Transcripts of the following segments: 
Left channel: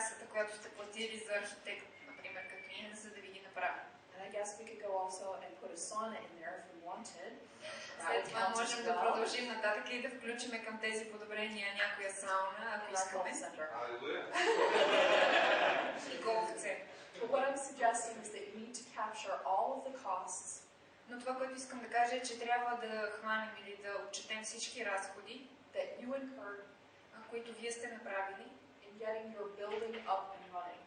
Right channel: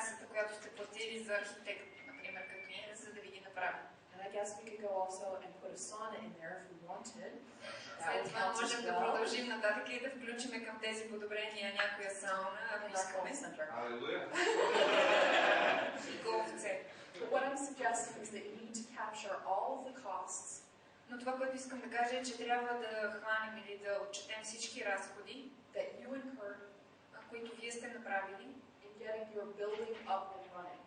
таксата, която сте платили за архитект, например, като клиент, за да ви ги направи. And I guess we could go also and put a sauna in there if we wanted. След това можем да продължим нататък и да включим към тези подобрения някоя сауна, ако искаме. И голфце. But what I'm suggesting is that you need to capture all of the costs. Но това, което искам да кажа е, че трябва да хванем или да отчетем всички разходи, that you incurred, които вие сте направили, in getting your building up and running.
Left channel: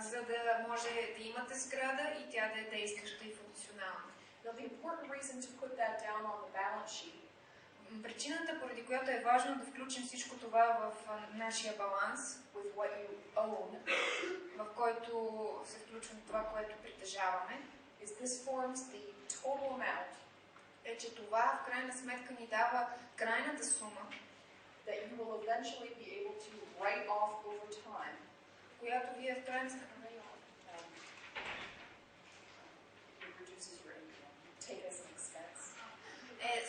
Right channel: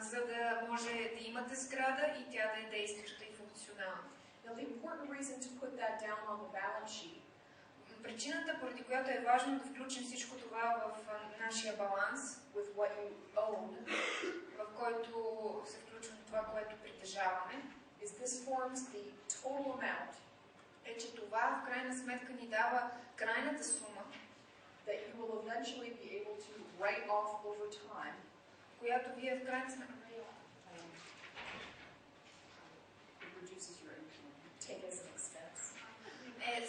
За да може да имате сграда и тя да е действаща и функционална. Now, the important reason to put that down on the balance sheet. Причината, поради която е важно да включим всичко това в нашия баланс, with what you own, в който се включва това, което притежаваме, is this forms the total amount, е, че това в крайна сметка ни дава крайната сума, that you will eventually be able to write off over time, която вие в крайна сметка it reduces your income, take as an expense.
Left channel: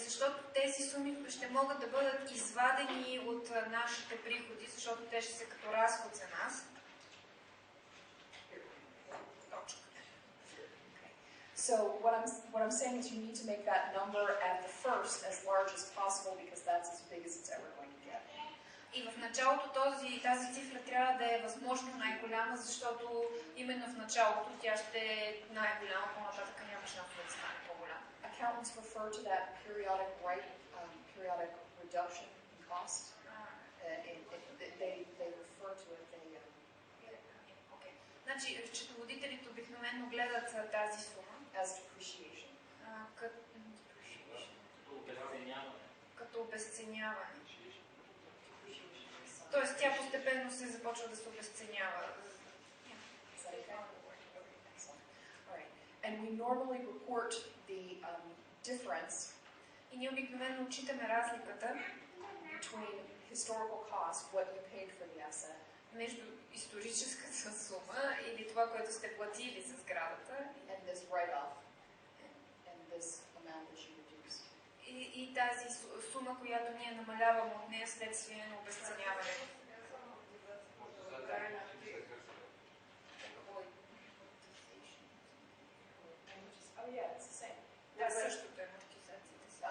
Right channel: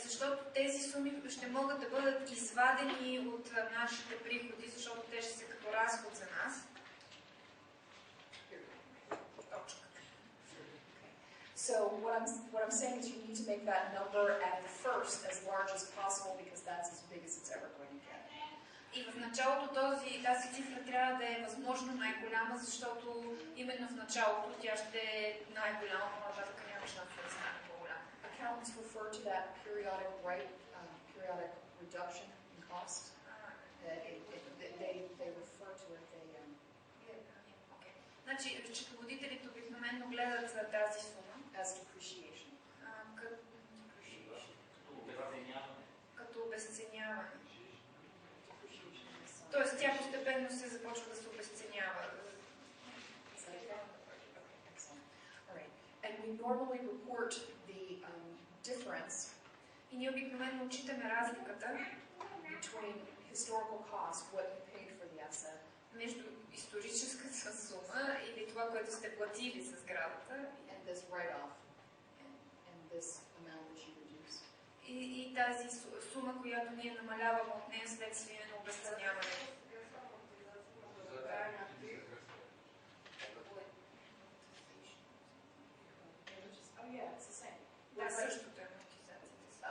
Защото тези суми ще могат да бъдат извадени от нашите приходи, защото те ще са като разход за нас. So what I'm saying is you need to make that number at the first as large as possible because that's as big as it's ever going to get. И в началото тази цифра трябва да е възможно най-голяма, защото именно в началото тя ще е най-голяма, по-нататък няма шанс да стане по-голяма. Accountants refer to that periodic reduction in cost. They refer to it. Значи, счетоводителите обикновено гледат тази сума as depreciation. Като обезценяване. Тоест тя постепенно се започва да се обезценява. And we normally report the difference. И ние обикновено отчитаме разликата between historical cost, what you paid for the asset, между историческата сума или това, което сте платили за сградата, and this write-off, and this amount that you reduce. И тази сума, която ние намаляваме от нея следствие на обезценяването. Oh yeah, it's the same. Да, същото е амортизацията.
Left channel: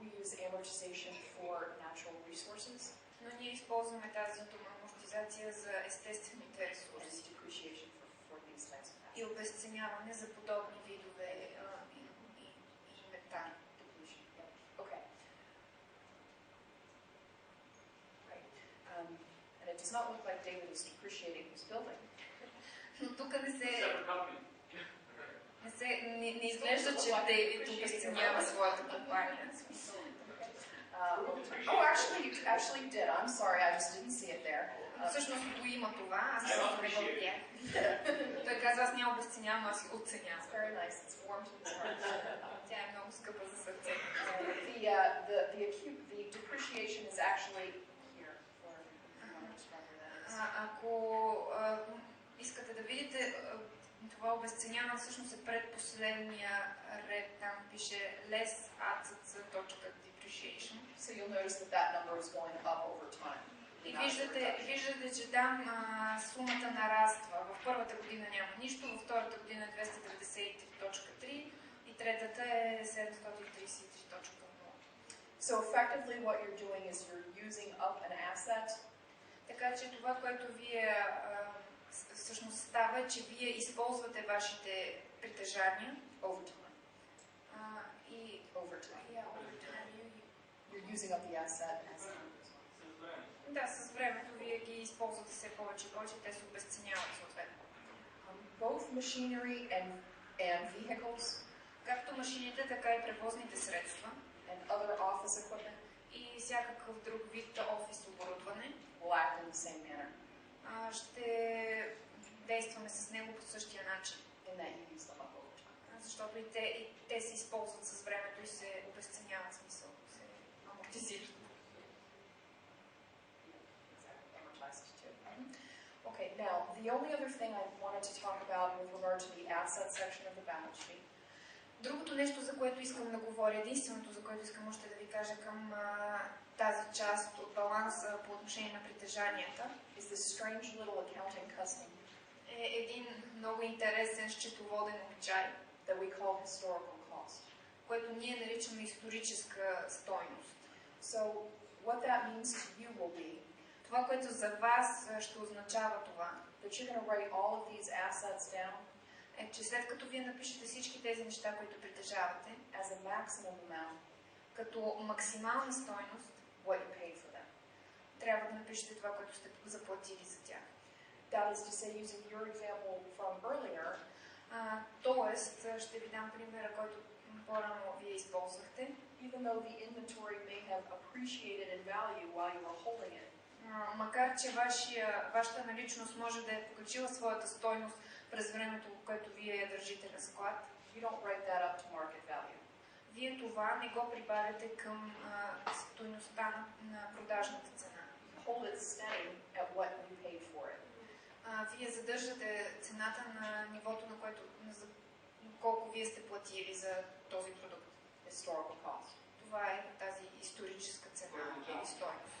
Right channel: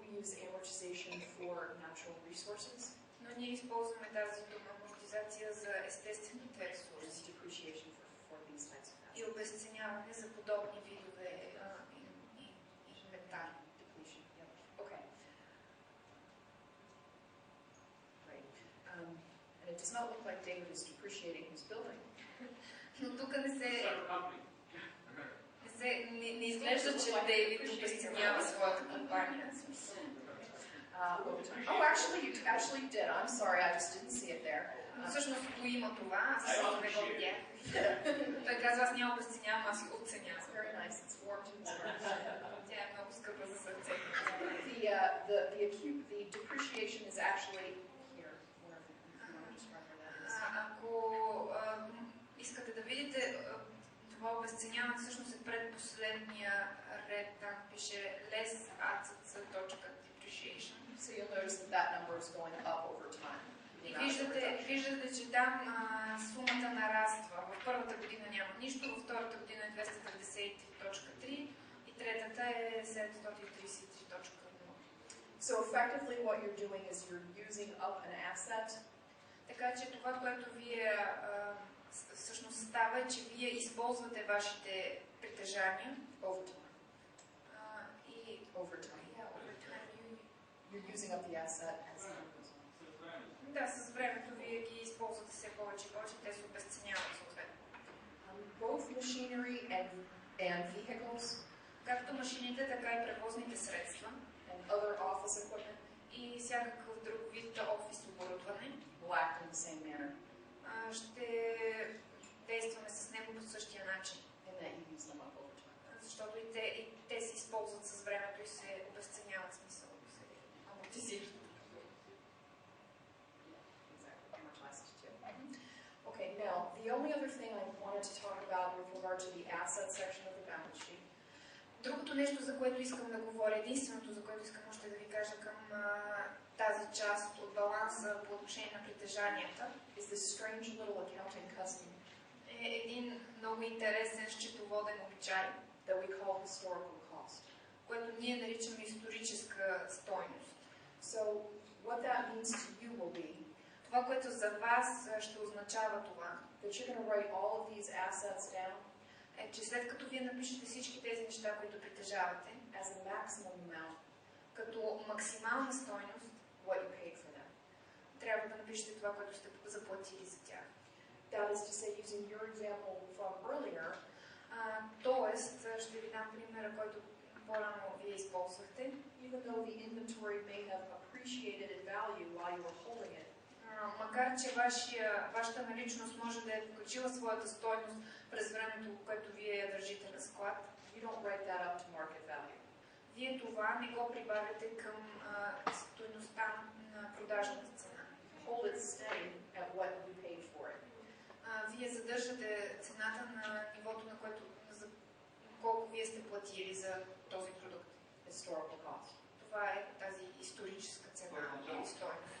We use amortization for natural resources. Но ние използваме тази дума амортизация за естествените ресурси. Depreciation for these types of assets. И обезценяване за подобни видове инвентари. Okay. Right. And it does not look like David is depreciating his building. Но тук не изглежда, че Дейвид обезценява своята компания. Oh, actually you did. I'm sorry, I just didn't see it there. Всъщност го има това, аз просто не го видях. Той казва, аз няма обезценявам, аз ги оценявам. It's very nice. It's warm to the heart. Тя е много скъпа за сърце. The depreciation is actually here. Ако искате да видите, това обезценяване всъщност е предпоследния ред, там пише less depreciation. So you'll notice that number is going up over time. И виждате, че там сумата нараства. В първата година няма нищо, във втората година е 293.3 и третата е 733.0. So effectively what you're doing is you're using up an asset. Така че това, което вие всъщност става, че вие използвате вашите притежания over time. И over time. Yeah, over time. You're using up the asset as time goes on. Да, с времето вие ги използвате все повече и повече, те се обезценяват съответно. Both machinery and vehicles, както машините, така и превозните средства, and other office equipment, и всякакъв друг вид офис оборудване, will act in the same manner. Ще действаме с него по същия начин. In that you use them up over time. Защото и те се използват с времето и се обезценяват, смисъл, се амортизират. Okay, now the only other thing I wanted to talk about with regard to the asset section of the balance sheet. Другото нещо, за което искам да говоря, единственото, за което искам още да ви кажа към тази част от баланса по отношение на притежанията, is this strange little accounting много интересен счетоводен обичай, that we call historical cost. което ние наричаме историческа стойност. So what that means to you will be Това, което за вас ще означава това, that you're going to write all of these assets down е, че след като вие напишете всички тези неща, които притежавате, as a maximum amount, като максимална стойност, what you paid for them. трябва да напишете това, което сте заплатили за тях. That is to say, using your example from earlier, Тоест, ще ви дам примера, който по-рано вие използвахте. even though the inventory may have appreciated in value while you were holding it, Макар че вашата наличност може да е покачила своята стойност през времето, което вие я държите на склад, you don't write that up to market value. вие това не го прибавяте към стойността на продажната цена. Hold it steady at what you paid for it. Вие задържате цената на нивото, на което колко вие сте платили за този продукт. Historical cost. Това е тази историческа цена или стойност.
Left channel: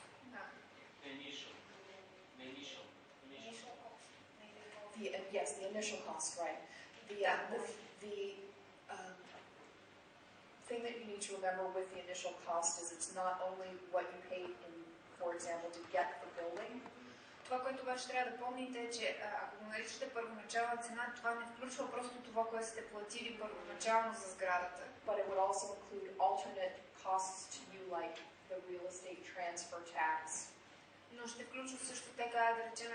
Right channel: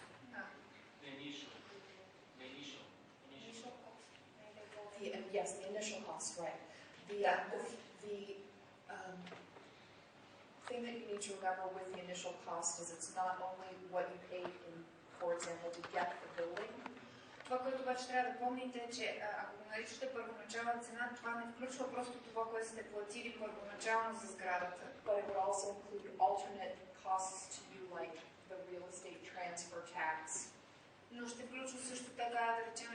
Yes, the initial cost, right. The thing that you need to remember with the initial cost is it's not only what you paid, for example, to get the building. Това, което обаче трябва да помните е, че ако го наричате първоначална цена, това не включва просто това, което сте платили първоначално за сградата. But it would also include alternate costs to you, like the real estate transfer tax. Но ще включва също така, да речем,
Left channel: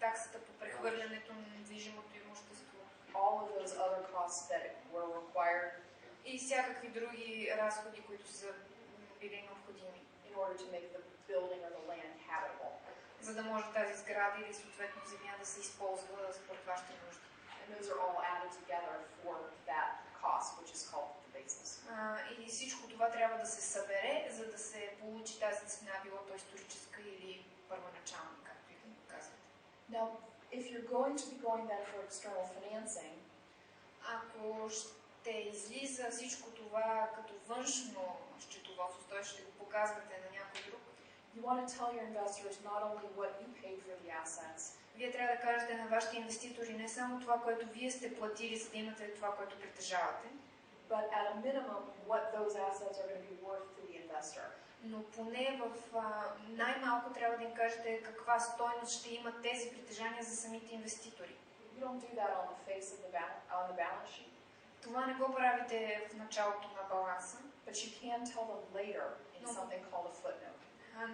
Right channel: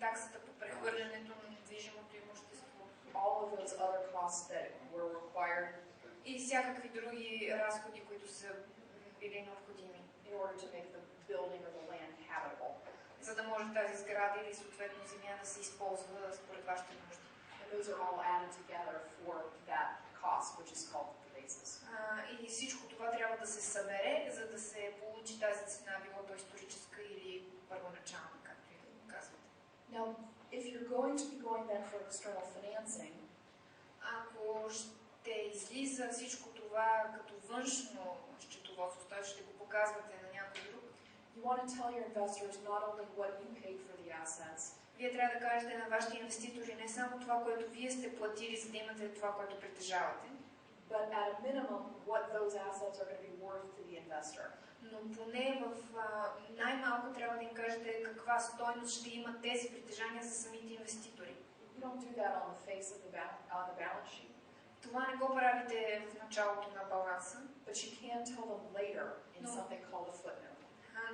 таксата по прехвърлянето на недвижимото имущество. All of those other costs that were required И всякакви други разходи, които са били необходими. in order to make the building or the land habitable. За да може тази сграда или съответно земя да се използва според вашите нужди. And those are all added together for that cost, which is called the basis. И всичко това трябва да се събере, за да се получи тази цена, било то историческа или първоначална, както и да го казвате. Now, if you're going to be going then for external financing, ако ще излиза всичко това като външно счетоводство, т.е. ще го показвате на някой друг, you want to tell your investors not only what you paid for the assets, вие трябва да кажете на вашите инвеститори не само това, което вие сте платили, за да имате това, което притежавате, but at a minimum what those assets are going to be worth to the investor. но поне в най-малко трябва да им кажете каква стойност ще имат тези притежания за самите инвеститори. You don't do that on the face of on the balance sheet. Това не го правите в началото на баланса, but you can tell them later in something called a footnote.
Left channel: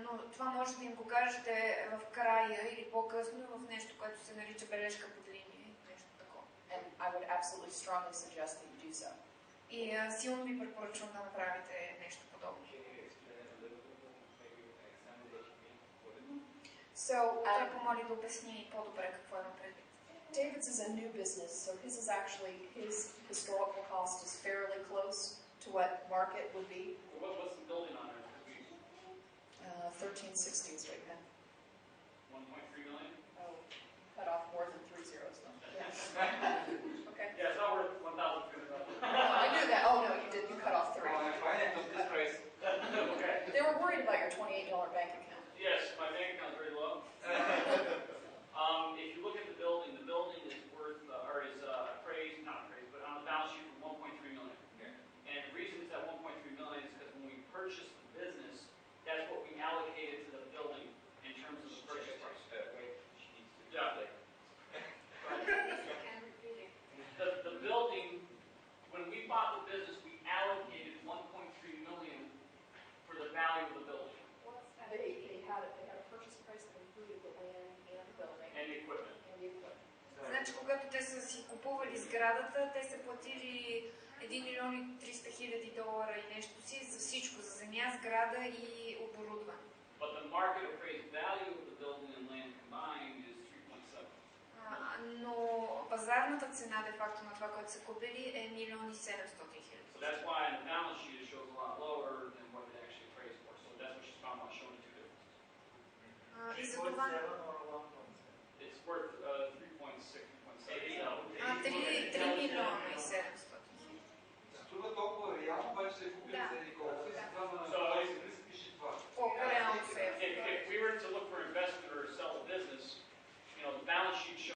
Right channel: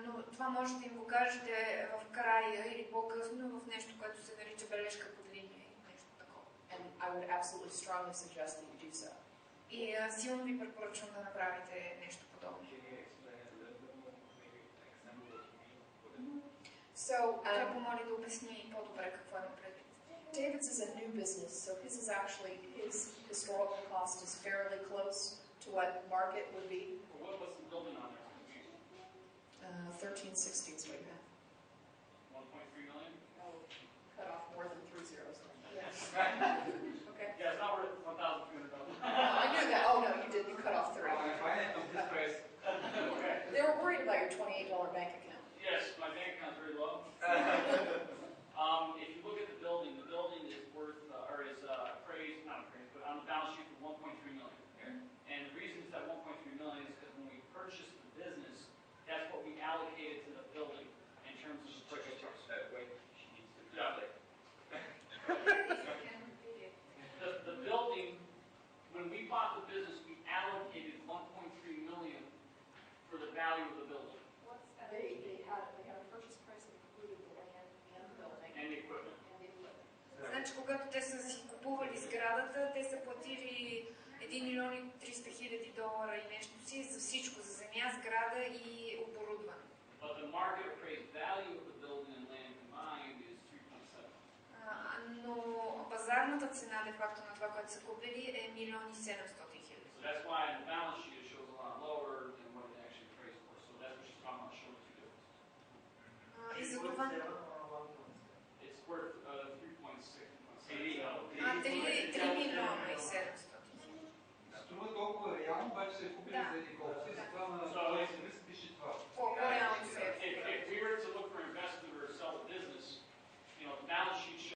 Но това може да им го кажете в края или по-късно в нещо, което се нарича бележка под линия, нещо такова. And I would absolutely strongly suggest that you do so. И силно ви препоръчвам да направите нещо подобно. So, Той помоли да обясни по-добре какво има предвид. David's is a new business, so his is actually, his historical cost is fairly close to what market would be. What's the building on there? 1360 is what you have. 1.3 million? Oh, cut off more than 3 zeros then. Yes. Okay. Yeah, it's not worth $1,200. I knew that. Oh no, you did. You cut off 3. Okay. They were worried about your $28 bank account. Yes, my bank account is very low. If you look at the building is worth, or is appraised, not appraised, but on the balance sheet for 1.3 million. Okay. And the reason it's at 1.3 million is because when we purchased the business, that's what we allocated to the building in terms of the purchase price. Yeah. The building, when we bought the business, we allocated 1.3 million for the value of the building They had a purchase price that included the land and the building and the equipment. and the equipment. Значи, когато те са си купували сградата, те са платили $1 милион и 300 хиляди и нещо си за всичко, за земя, сграда и оборудване. But the market appraised value of the building and land combined is 3.7. Но пазарната цена, де факто, на това, което са купили, е $1 милион и 700 хиляди. So that's why in the balance sheet it shows a lot lower than what it actually appraised for. So that's what she's talking about, showing the two differences. И за това... It's worth 3.6, 3.7.